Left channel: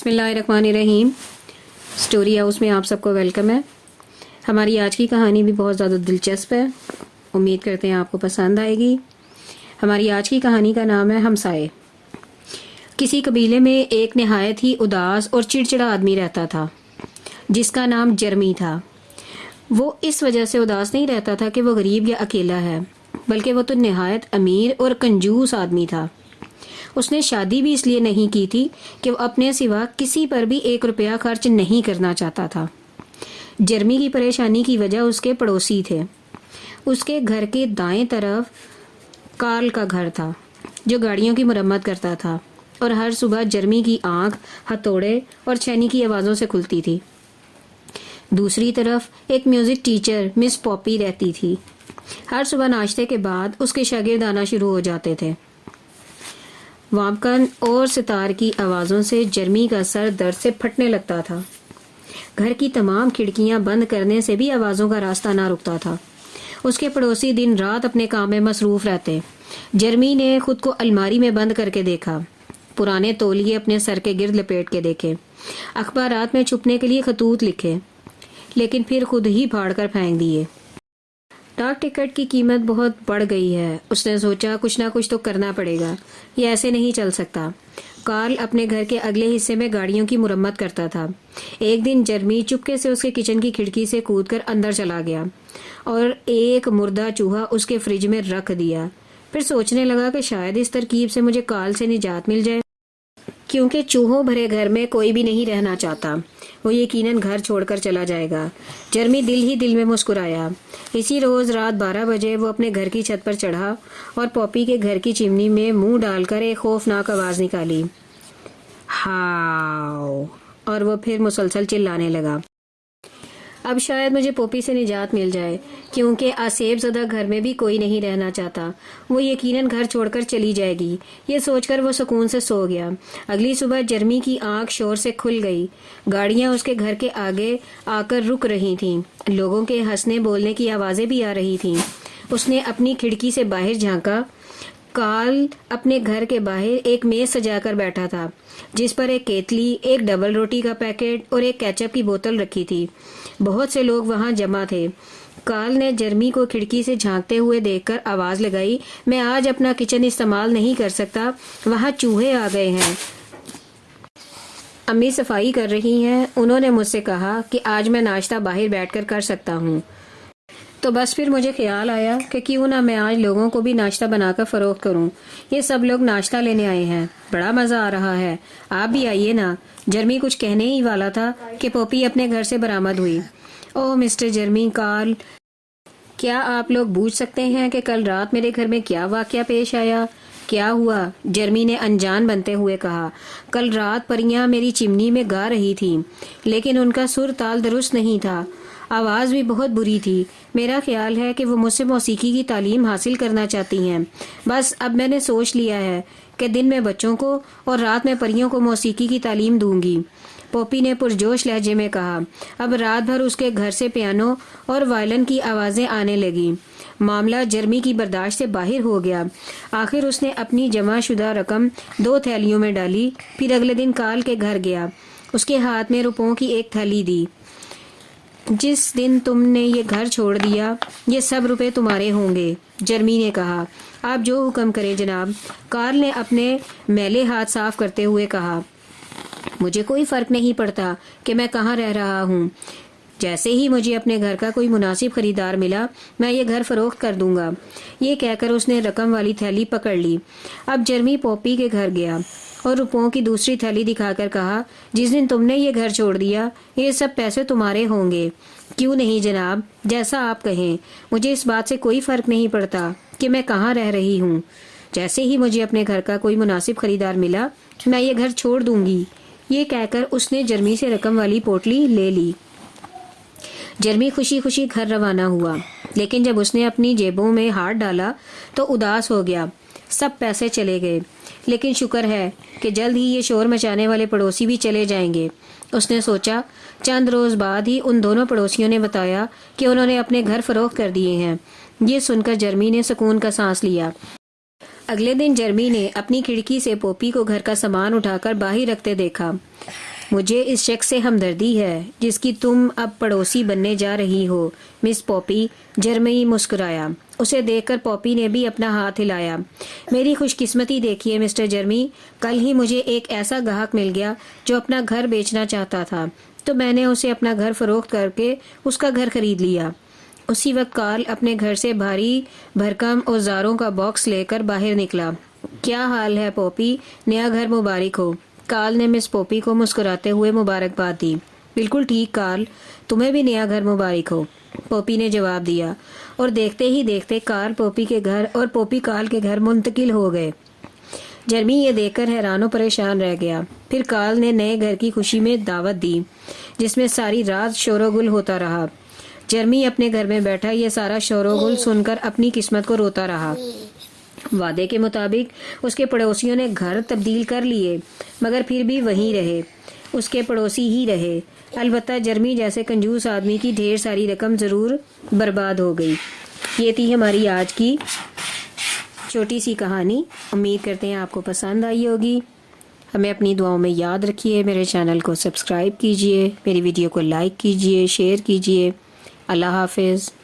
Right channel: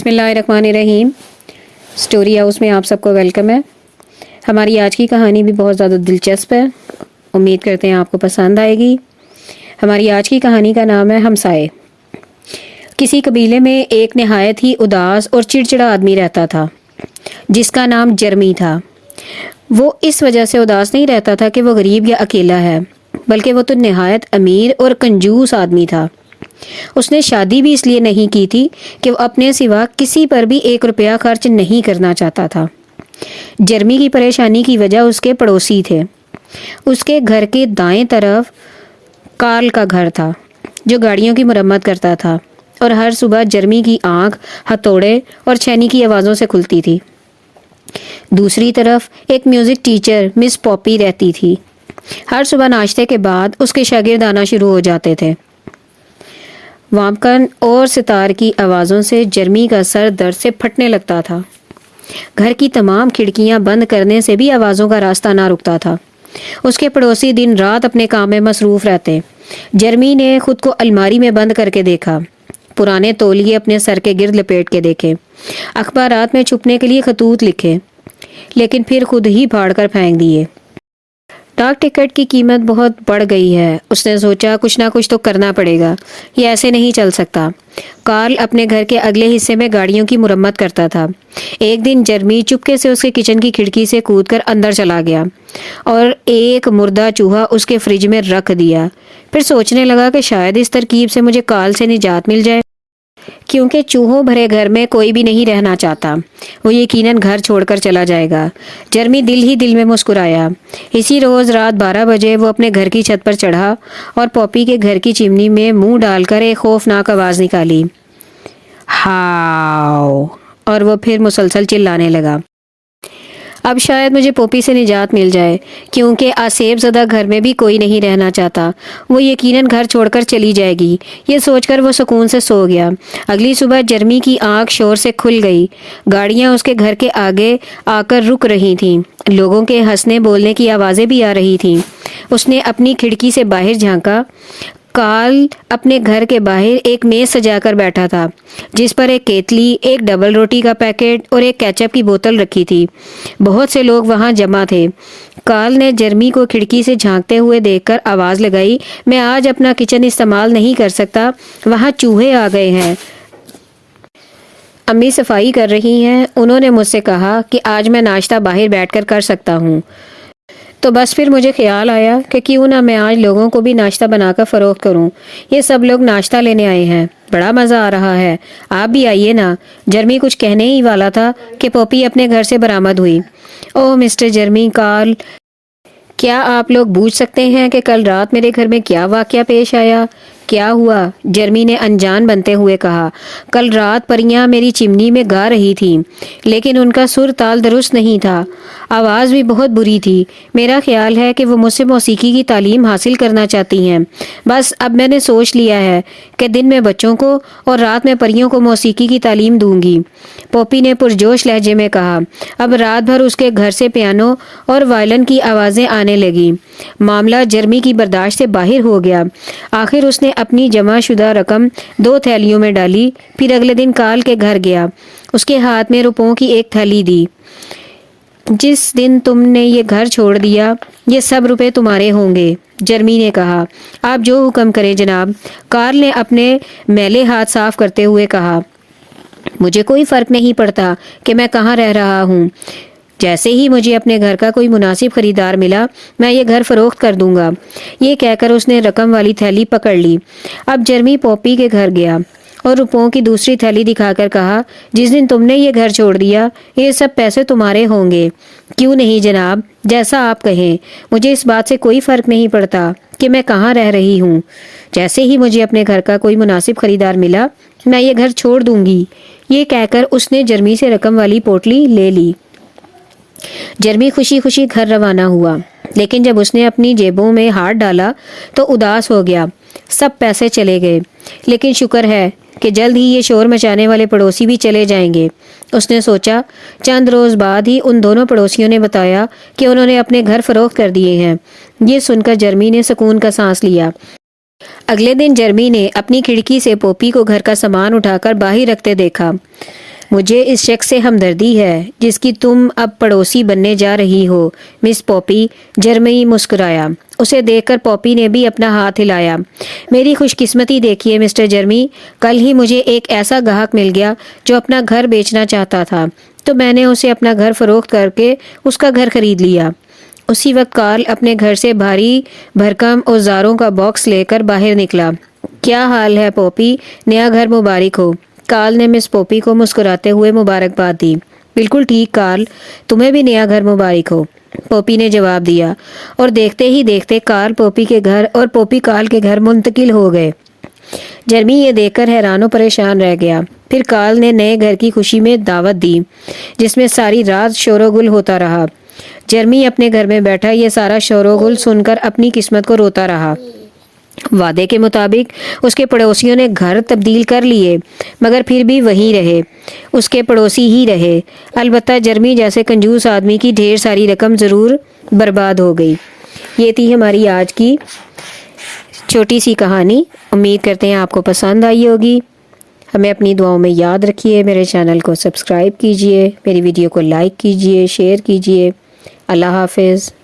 बिस्मिल्लाहिर्रहमानिर्रहीम। Story house में आप सबको वेलकम है। हमारी आज की कहानी भी बहुत ज़्यादा दिलचस्प है। उम्मीद करते हैं आपको पसंद आएगी। हमारी आज की कहानी का नाम है हमसाए। किसी कबीले में एक नहायत ही उदास और चिड़चिड़ा आदमी रहता था जिसका नाम जर्मी था। वो इस वजह से उदास नहीं रहता था कि वो गरीब या अकेला है, बल्कि वो तो नहायत अमीर और कंजूस आदमी था। उसने शादी भी इसलिए नहीं की थी कि वो अपने सिवा किसी पर भी 1 रुपया खर्च नहीं करना चाहता था। जर्मी की परेशानी की वजह उसके पड़ोसी थे। उसके घर के दाएं तरफ कार्ल का घर था जो गाड़ियों की मरम्मत करता था और हर सुबह जर्मी की आंख हथौड़े और छेनी की आवाज़ों से खुलती थी। दूसरी तरफ एक म्यूज़िक टीचर मिस पॉपी रहती थी। हर सुबह नाश्ते के बाद उसके शागिर्द आना शुरू हो जाते थे। वामकन और सितार की आवाज़ों से जर्मी का सर दर्द से फटने लगता था। घर की तमाम खिड़कियां बंद करने से भी आवाज़ों का रास्ता ना रुकता था। उसके पड़ोसी दिन रात अपने काम में मसरूफ़ रहते। जर्मी ने खुद को अलमारी में बंद करके देखा, पुराने तौलिए अपने सर के गिर्द लपेट के देखे, अखबारात में छुपने के लिए खतूत लिखे, लेकिन फिर खुद ही फाड़ कर फेंक दिए। डाक टिकट की कीमत बहुत बढ़ गई है। उसने सोचा कुछ ना कुछ तो करना पड़ेगा, ये ऐसे नहीं चल सकता। कार्ल अपने घर के अगले हिस्से में गाड़ियों की मुरम्मत करता था। एक दिन जर्मी चुपके से उसके किचन की खिड़की से कूदकर अंदर चला गया और एक मुर्दा चूहा उसके फ्रिज में रख दिया। फिर सोचने लगा कि शायद इस तरकीब से मुझे काल से निजात मिल जाए, क्योंकि चूहों भरे घर में कोई भी नहीं रहना चाहता। वो यकीनन घर छोड़कर चला जाएगा। जर्मी दिल ही दिल में मुस्कुराया। इसी रोज़ रात 12 बजे वो अपने घर की छत पर चढ़ा और पॉपी के घर की चिमनी में मुंह डालकर एक खौफनाक आवाज़ निकाली, हाओ, और वो फिर मुसलसल चिल्लाने लगा। अब शायद मुझे पॉपी से निजात मिल जाए, क्योंकि आसेब ज़दा घर में भी कोई नहीं रहना चाहता। वो यकीनन घर छोड़कर चली जाएगी। ये सोचकर वो सुकून से सो गया। अगली सुबह जर्मी की आंख शोर से खुल गई। गाड़ियाँ उसके घर के आगे आकर रुक रही थीं। लोगों के हंसने बोलने की आवाज़ें भी आ रही थीं। उसने अपनी खिड़की से बाहर झांका। कार्ल अपने घर के बाहर एक मेज सजाकर बैठा था जिस पर एक केतली, एक डबल रोटी का पैकेट और एक केचप की बोतल रखी थी। बहुत से लोग वहां जमा थे। कार्ल ने जर्मी को खिड़की से झांकते हुए देखकर आवाज़ लगाई, मैं आज अपना किचन इस्तेमाल नहीं कर सकता, वहां चूहे आ गए हैं। अम्मी सफाई कर रही हैं। उन्होंने मुझसे कहा कि आज मैं नाश्ता बाहर बैठकर कर सकता हूँ। तो बस फिर मुझे ख्याल आया कि क्यों ना मैं आज लोगों को भी नाश्ता बनाकर फ़रोख्त करूं। ये सब लोग नाश्ता लेने आए हैं, बड़ा मज़ा आ रहा है, आप भी आइए ना। जर्मी कुछ कहने ही वाला था कि पॉपी अपने घर से बरामद हुई। ओह मिस्टर जर्मी, कार्ल, क्या आप लोग पूछ सकते हैं कि कल रात मेरे घर में क्या वाक़या पेश आया? क्या हुआ? जर्मी ने अनजान बनते हुए कहा। कल रात परियां मेरी चिमनी में गा रही थीं, लेकिन उनका सुर ताल दुरुस्त नहीं था। आवाज़ भी बहुत बुरी थी। मेरा ख्याल है कि वो मुझसे मौसीकी की तालीम हासिल करना चाहती हैं। बस अब मैंने सोच लिया है कि दिन में बच्चों को और रात में परियों को मौसीकी की तालीम दूंगी। पॉपी ने पुरजोश लहजे में कहा। अब रात भर उसके घर से पियानो और वायलिन की आवाज़ें आने लगी। मामला जर्मी की बर्दाश्त से बाहर हो गया। आखिर उसने अपनी जमाशुदा रकम 2 थैलियों में डाली। फिर अगले दिन कार्ल के घर गया। उसके हाथ में रुपयों की एक थैली दी। जिस दिन तुमने ये घर छोड़ दिया, ये सब रुपए तुम्हारे होंगे, जर्मी ने कहा। आप जो हुक्म करें जनाब, कार्ल ने अपने मैले हाथ साफ करते हुए कहा। मुझे कोई फ़र्क नहीं पड़ता कि मैं कहाँ रह रहा हूँ। जैसे ही मुझे अपने घर का कोई मुनासिब खरीदार मिला, मैं ये घर फ़रोख्त कर दूंगा। ये कहकर उसने रकम वाली थैली पकड़ ली। अब जर्मी पॉपी के घर गया और रुपयों की दूसरी थैली दिखाकर कहा, जिस दिन तुमने ये घर छोड़ दिया, ये सब पैसे तुम्हारे होंगे। क्यों नहीं जनाब, जैसा आप कहें, मुझे इस बात से कोई फ़र्क नहीं पड़ता कि मैं कहाँ रह रही हूँ। जैसे ही मुझे अपने घर का कोई मुनासिब खरीदार मिला, मैं ये घर छोड़ दूंगी। ये कहकर उसने जर्मी से रकम वाली पोटली ले ली। जर्मी खुशी खुशी घर रवाना हुआ, लेकिन जब उसने अपनी जेबों में हाथ डाला तो उदास हो गया। सब पैसे चले गए, लेकिन शुक्र है कि जल्द ही ये शोर मचाने वाले पड़ोसी भी चले जाएंगे। उसने सोचा। चंद रोज़ बाद ही उन दोनों पड़ोसियों ने बताया कि उन्होंने अपने घर फ़रोख्त कर दिए हैं। ये सुनकर जर्मी ने सुकून का सांस लिया। अगले दिन जर्मी ने अपनी खिड़की से पॉपी को घर का सामान उठाकर बाहर रखते देखा। مجھے اس شخص سے ہمدردی ہے جس کی تم اب پڑوسی بننے جا رہی ہو مس پوپی۔ جرمی مسکرایا۔ اسے دیکھ کر پوپی نے بھی اپنا ہاتھ ہلایا۔ میری خوش قسمتی دیکھیے مسٹر جرمی، کل ہی مجھے ایک ایسا گاہک مل گیا جو اپنا گھر بیچنا چاہتا تھا، تو میں نے اسے اپنا گھر فروخت کر کے اس کا گھر خرید لیا۔ اسی وقت کارل اپنے گھر سے بھاری بھرکم اوزاروں کا باکس لے کر باہر نکلا۔ کیا حال ہے پوپی؟ نیا گھر مبارک ہو۔ کارل نے مس پوپی کو مسکراتے ہوئے مبارکباد دی۔ بالکل ٹھیک کارل، تمہیں بھی نیا گھر مبارک ہو، پوپی نے جواب دیا، اور دیکھتے ہی دیکھتے کارل پوپی کے گھر اور پوپی کارل کے گھر منتقل ہو گئے۔ جرمی یہ دیکھ کر حیران و پریشان رہ گیا۔ پھر کارل نے نئے گھر کی خوشی میں دعوت دی جس میں ساری رات شور و گل ہوتا رہا۔ جرمی اپنے گھر میں بیٹھا یہ سارا شور و گل سن کر اپنی قسمت کو روتا رہا۔ وعدے کے مطابق اس کے پڑوسیوں نے گھر تبدیل کر لیے مگر پھر بھی وہی رہے، اس کے پڑوسی ہی رہے۔ البتہ جرمی جیسے کنجوس آدمی کی ڈھیر ساری رقم ضرور برباد ہو گئی۔ یہ تھی ہماری آج کی چھوٹی سی کہانی۔ امید کرتے ہیں آپ کو پسند آئی ہوگی۔ ہمیں اپنی دعاؤں میں یاد رکھیے، میرے چینل کو سبسکرائب کیجیے، میری ویڈیو کو لائک کیجیے، شیئر کیجیے۔ اللہ حافظ۔